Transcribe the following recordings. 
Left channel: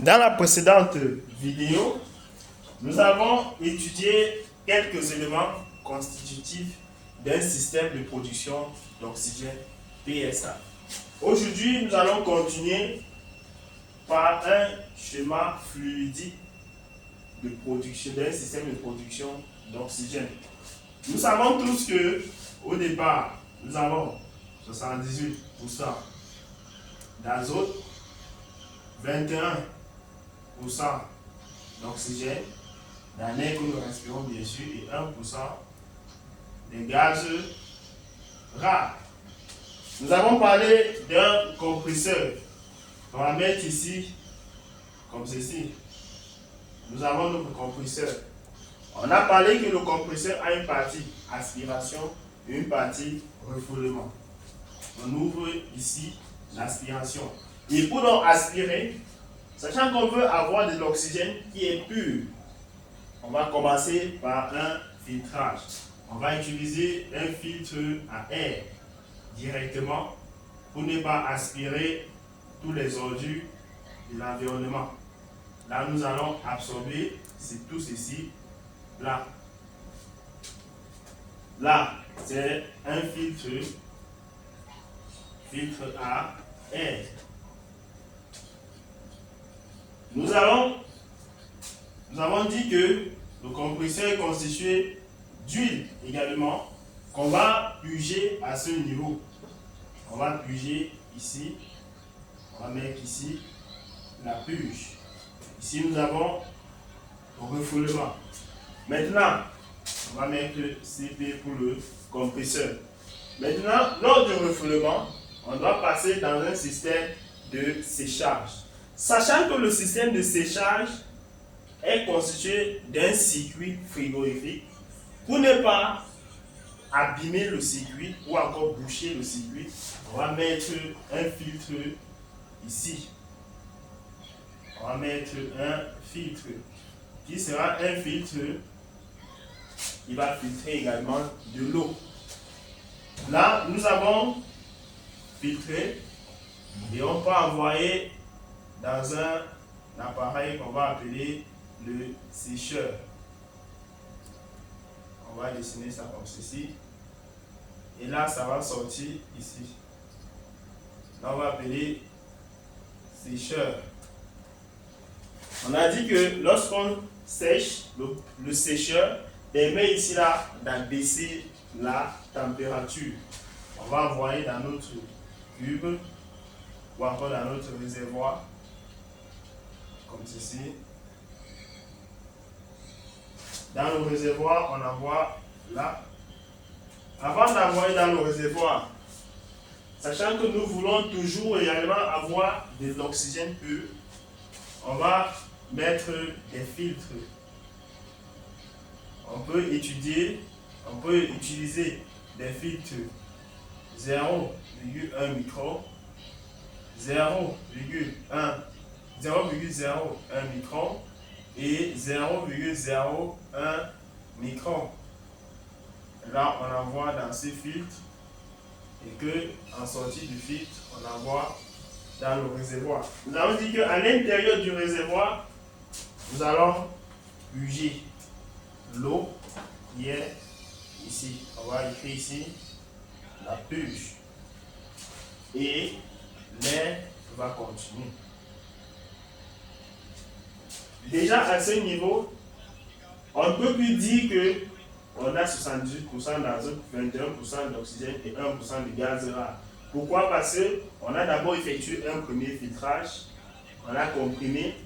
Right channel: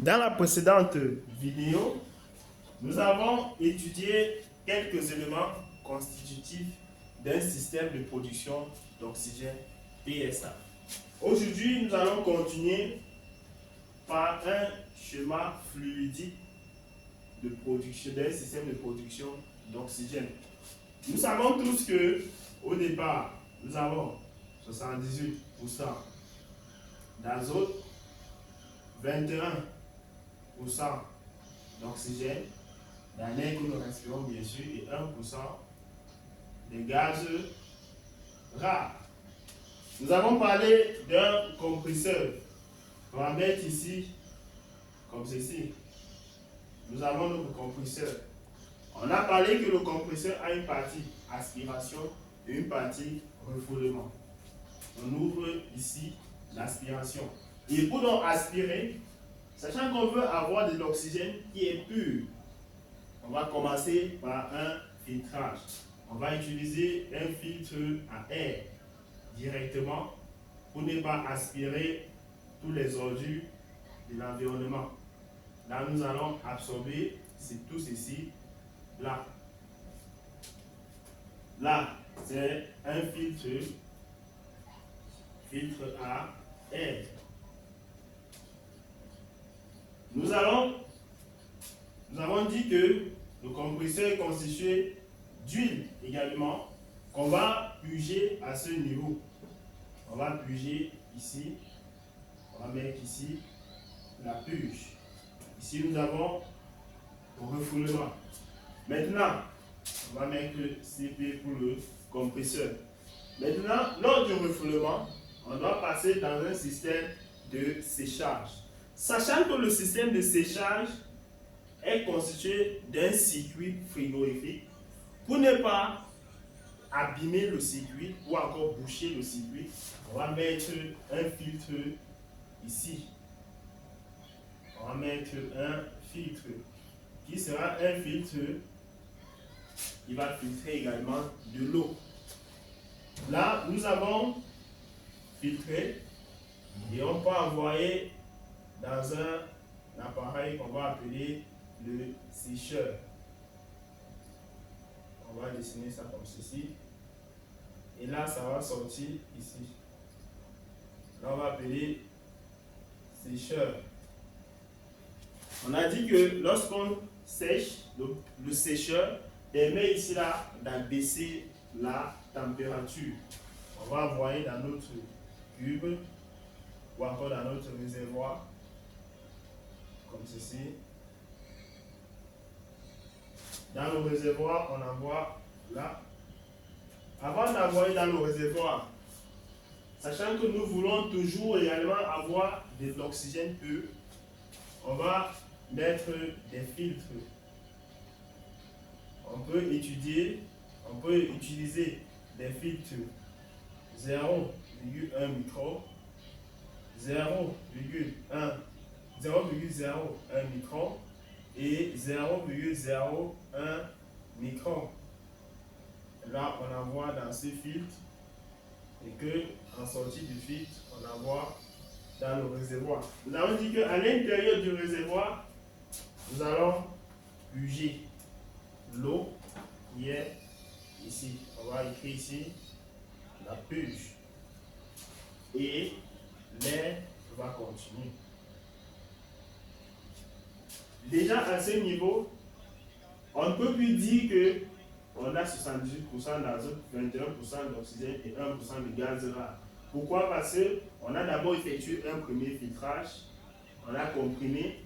Dans la précédente vidéo, nous avons étudié quelques éléments constitutifs d'un système de production d'oxygène PSA. Aujourd'hui, nous allons continuer par un schéma fluidique de production d'un système de production d'oxygène. Nous savons tous que au départ, nous avons 78% d'azote, 21% d'oxygène, dans l'air que nous respirons bien sûr, et 1% des gaz rares. Nous avons parlé d'un compresseur. On va mettre ici, comme ceci. Nous avons notre compresseur. On a parlé que le compresseur a une partie aspiration et une partie refoulement. On ouvre ici l'aspiration. Et pour donc aspirer, sachant qu'on veut avoir de l'oxygène qui est pur, on va commencer par un filtrage. On va utiliser un filtre à air directement pour ne pas aspirer tous les ordures de l'environnement. Là, nous allons absorber tout ceci. Là, c'est un filtre à air. Nous avons dit que le compresseur est constitué d'huile également qu'on va puger à ce niveau. On va puger ici. On va mettre ici la puge. Ici, nous avons le refoulement. Maintenant, on va mettre CP pour le compresseur. Maintenant, lors du refoulement, on doit passer dans un système de séchage. Sachant que le système de séchage est constitué d'un circuit frigorifique, pour ne pas abîmer le circuit ou encore boucher le circuit, on va mettre un filtre ici. On va mettre un filtre qui sera un filtre qui va filtrer également de l'eau. Là, nous avons filtré et on peut envoyer dans un appareil qu'on va appeler le sécheur. On va dessiner ça comme ceci. Et là, ça va sortir ici. Là, on va appeler sécheur. On a dit que lorsqu'on sèche, le sécheur permet ici là d'abaisser la température. On va envoyer dans notre cube ou encore dans notre réservoir, comme ceci. Dans le réservoir, on envoie là. Avant d'envoyer dans le réservoir, sachant que nous voulons toujours également avoir de l'oxygène pur, on va mettre des filtres. On peut utiliser des filtres 0,1 micron, 0,01 micron et 0,01 micron. Là, on envoie dans ces filtres et que en sortie du filtre, on envoie dans le réservoir. Nous avons dit qu'à l'intérieur du réservoir, nous allons puger l'eau qui est ici. On va écrire ici la puge. Et l'air va continuer. Déjà à ce niveau, on ne peut plus dire que on a 78% d'azote, 21% d'oxygène et 1% de gaz rare. Pourquoi? Parce qu'on a d'abord effectué un premier filtrage, on a comprimé,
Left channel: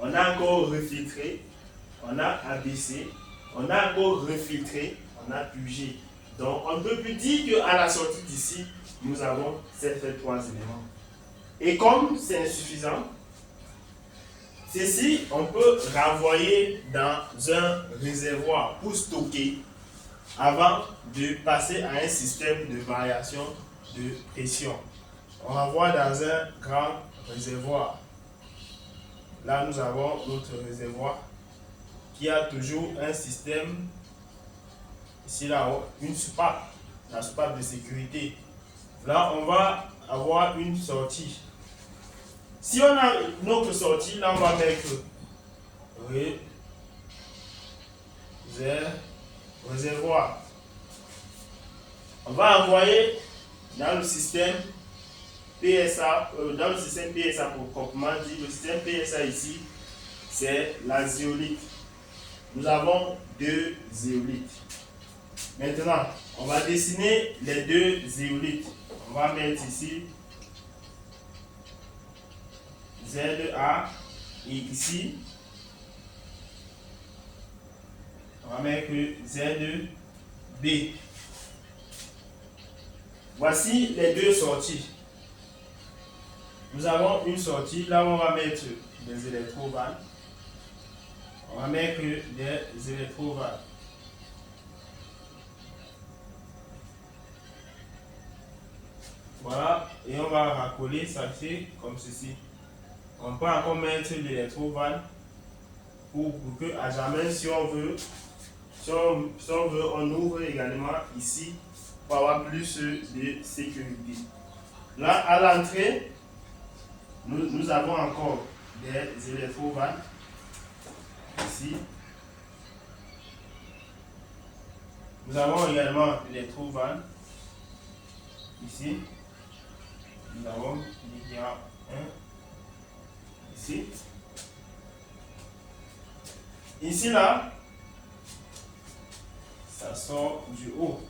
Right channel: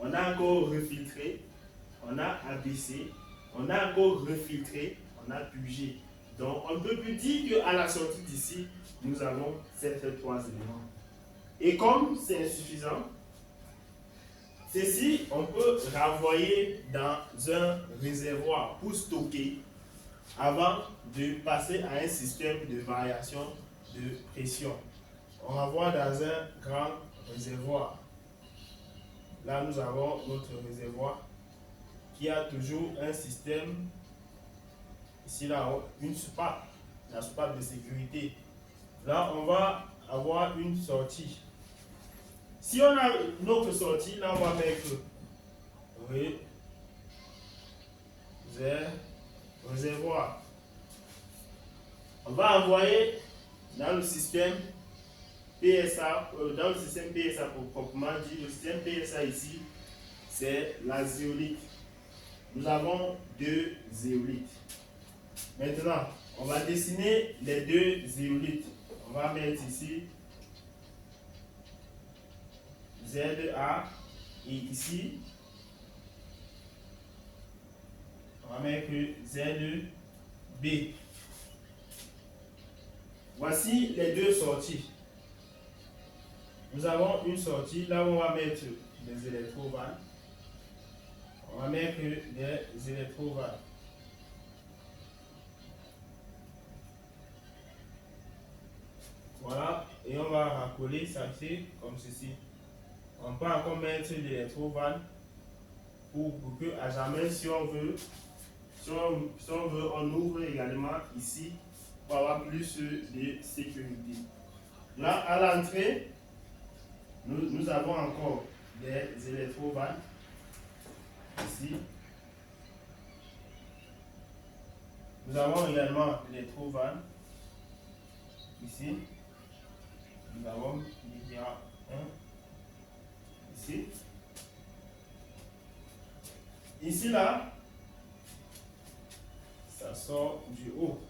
on a encore refiltré, on a abaissé, on a encore refiltré, on a pugé. Donc on ne peut plus dire qu'à la sortie d'ici, nous avons ces trois éléments. Et comme c'est insuffisant, ceci, on peut renvoyer dans un réservoir pour stocker avant de passer à un système de variation de pression. On renvoie dans un grand réservoir. Là, nous avons notre réservoir qui a toujours un système, ici là-haut, une soupape, la soupape de sécurité. Là, on va avoir une sortie. Si on a une autre sortie, là on va mettre réservoir. On va envoyer dans le système PSA, pour proprement dit. Le système PSA ici, c'est la zéolite. Nous avons 2 zéolites. Maintenant, on va dessiner les 2 zéolites. On va mettre ici ZA et ici on va mettre ZB. Voici les 2 sorties. Nous avons une sortie là où on va mettre des électrovannes. On va mettre des électrovannes. Voilà, et on va raccoler ça fait comme ceci. On peut encore mettre l'électrovanne pour que à jamais, si on veut, on ouvre également ici pour avoir plus de sécurité. Là, à l'entrée, nous avons encore des électrovannes ici. Nous avons également l'électrovanne ici. Nous avons il y a un ici. Ici là, ça sort du haut.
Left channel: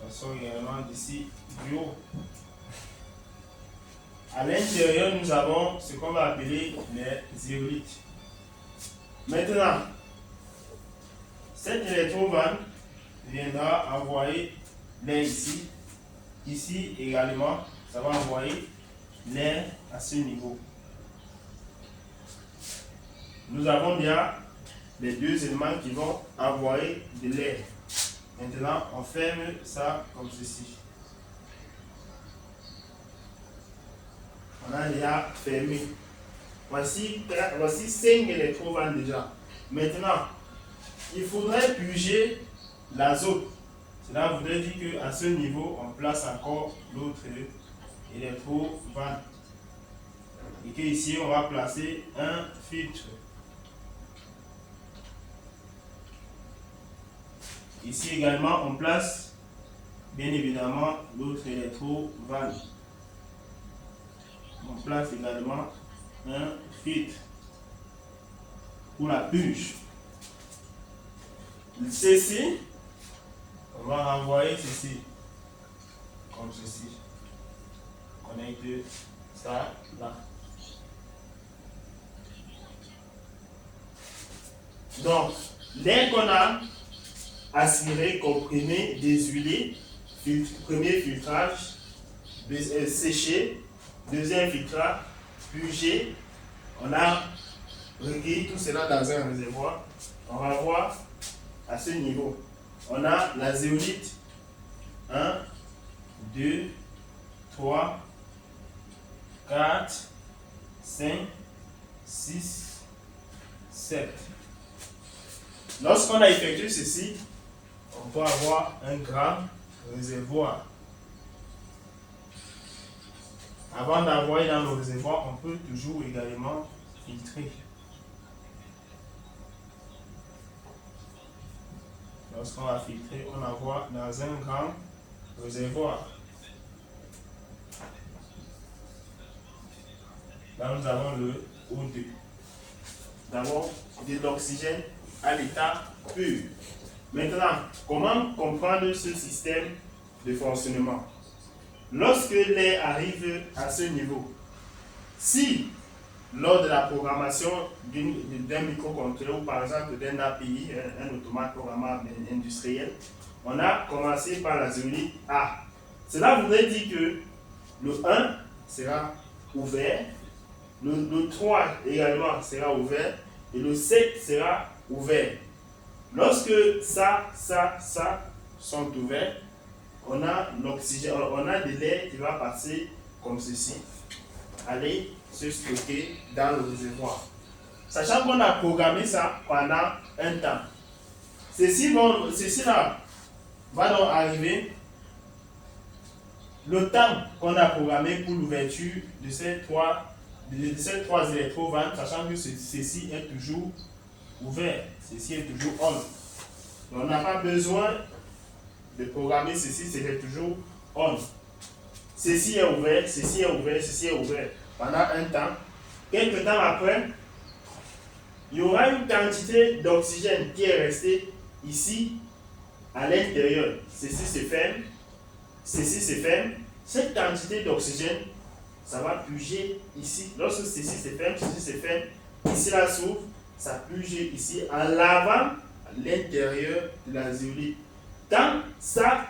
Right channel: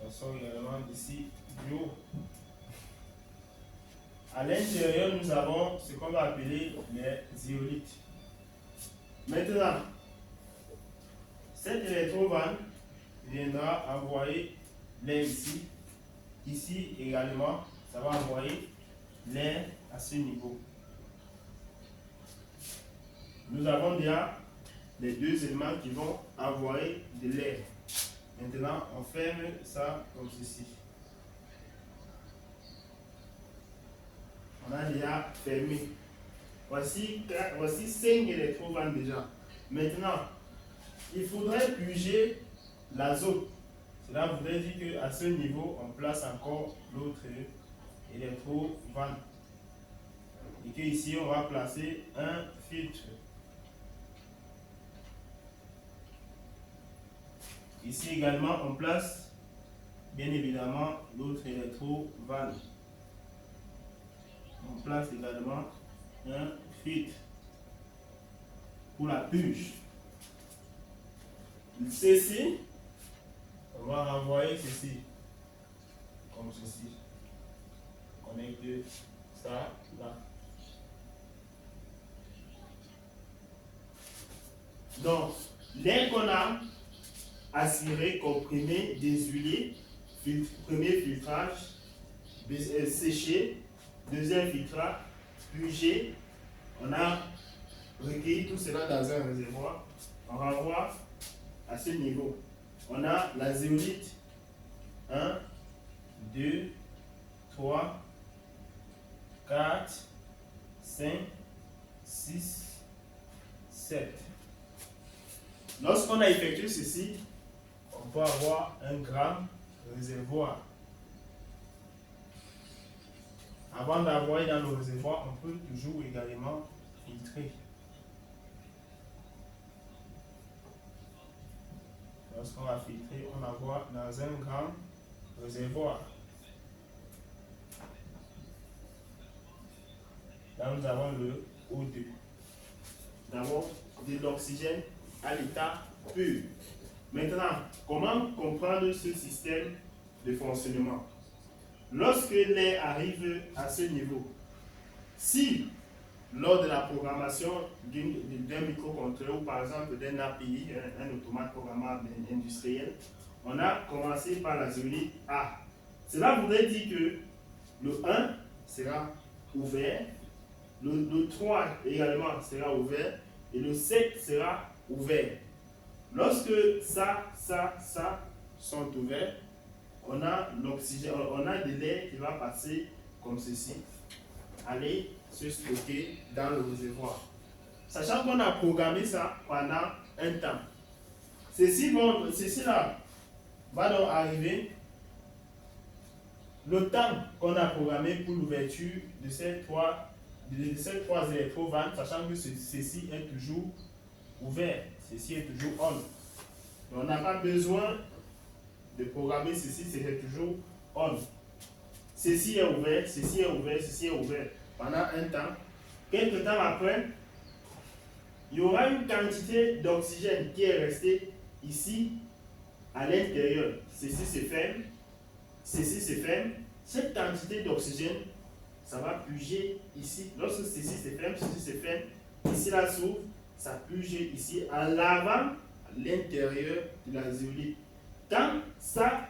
Ça sort également d'ici du haut. À l'intérieur, nous avons ce qu'on va appeler les zéolites. Maintenant, cette électrovanne viendra envoyer l'air ici. Ici également, ça va envoyer l'air à ce niveau. Nous avons bien les 2 éléments qui vont envoyer de l'air. Maintenant, on ferme ça comme ceci. On a déjà fermé. Voici 5 électrovannes déjà. Maintenant, il faudrait purger l'azote. Cela voudrait dire qu'à ce niveau, on place encore l'autre électrovanne. Et qu'ici, on va placer un filtre. Ici également, on place bien évidemment l'autre électrovanne. On place également un filtre pour la purge. Ceci, on va renvoyer ceci comme ceci. On connecte ça là. Donc, l'air qu'on a aspiré, comprimé, désuilé, premier filtrage, séché, deuxième filtrage, purgé, on a recueilli tout cela dans un réservoir. On va voir à ce niveau. On a la zéolite 1, 2, 3, 4, 5, 6, 7. Lorsqu'on a effectué ceci, on peut avoir un grand réservoir. Avant d'envoyer dans le réservoir, on peut toujours également filtrer. Lorsqu'on va filtrer, on envoie dans un grand réservoir. Là, nous avons le O2. Nous avons de l'oxygène à l'état pur. Maintenant, comment comprendre ce système de fonctionnement? Lorsque l'air arrive à ce niveau, si lors de la programmation d'un microcontrôleur ou par exemple d'un API, un automate programmable industriel, on a commencé par la zéolite A. Cela voudrait dire que le 1 sera ouvert, le 3 également sera ouvert et le 7 sera ouvert. Lorsque ça sont ouverts, on a l'oxygène, on a de l'air qui va passer comme ceci, aller se stocker dans le réservoir. Sachant qu'on a programmé ça pendant un temps. Ceci là va donc arriver le temps qu'on a programmé pour l'ouverture de ces trois électrovannes, sachant que ceci est toujours ouvert, ceci est toujours on. Donc on n'a pas besoin de programmer ceci, c'est toujours on. Ceci est ouvert, ceci est ouvert, ceci est ouvert pendant un temps. Quelques temps après, il y aura une quantité d'oxygène qui est restée ici à l'intérieur. Ceci se ferme, ceci se ferme. Cette quantité d'oxygène, ça va puger ici. Lorsque ceci se ferme, ici là s'ouvre, ça puge ici en lavant l'intérieur de la zéolite. Quand ça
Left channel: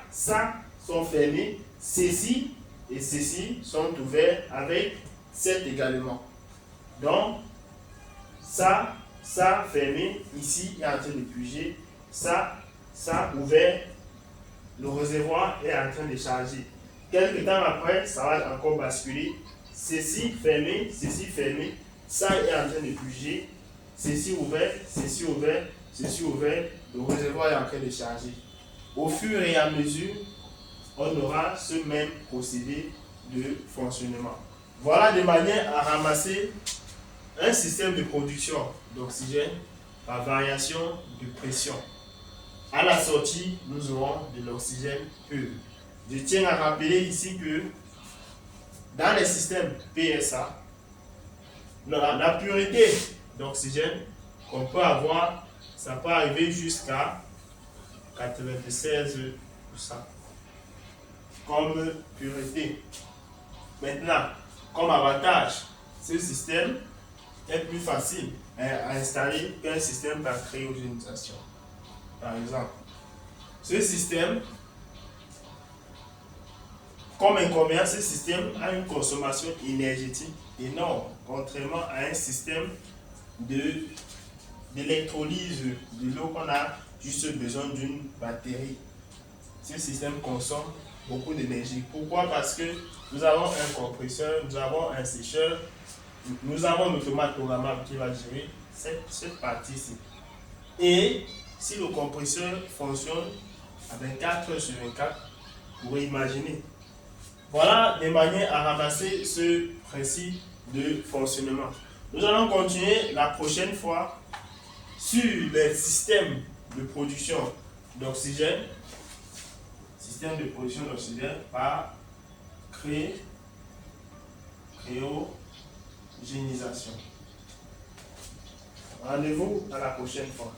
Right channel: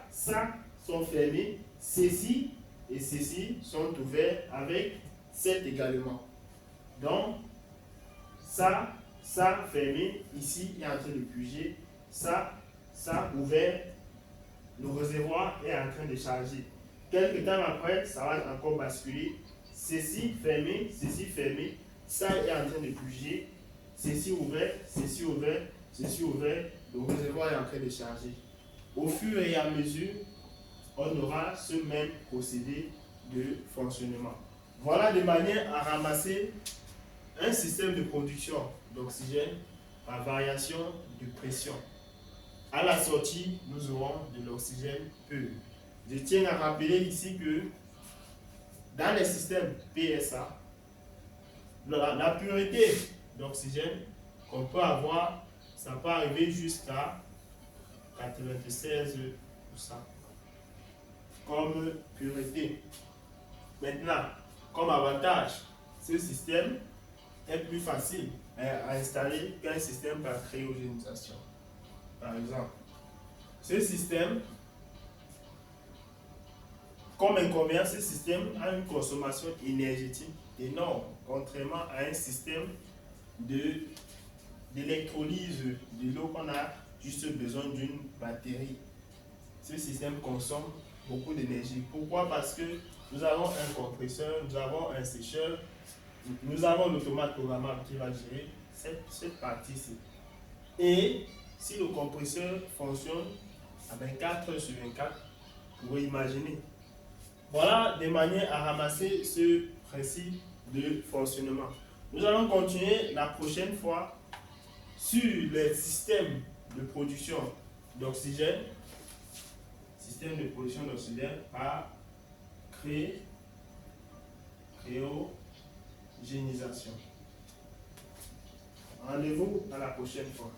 sont fermés, ceci et ceci sont ouverts avec cette également. Donc, ça fermé, ici est en train de puger, ça ouvert, le réservoir est en train de charger. Quelques temps après, ça va encore basculer. Ceci fermé, ça est en train de puger, ceci ouvert, ceci ouvert, ceci ouvert, le réservoir est en train de charger. Au fur et à mesure, on aura ce même procédé de fonctionnement. Voilà de manière à ramasser un système de production d'oxygène par variation de pression. À la sortie, nous aurons de l'oxygène pur. Je tiens à rappeler ici que dans les systèmes PSA, la pureté d'oxygène qu'on peut avoir, ça peut arriver jusqu'à 96% comme pureté. Maintenant, comme avantage, ce système est plus facile à installer qu'un système par cryogénisation. Par exemple, ce système, comme inconvénient, ce système a une consommation énergétique énorme, contrairement à un système d'électrolyse de l'eau qu'on a juste besoin d'une batterie. Ce système consomme beaucoup d'énergie. Pourquoi? Parce que nous avons un compresseur, nous avons un sécheur, nous avons un automate programmable qui va gérer cette partie-ci. Et si le compresseur fonctionne à 24 heures sur 24, vous pouvez imaginer. Voilà des manières à ramasser ce principe de fonctionnement. Nous allons continuer la prochaine fois sur les systèmes de production d'oxygène, par cryogénisation. Rendez-vous à la prochaine fois.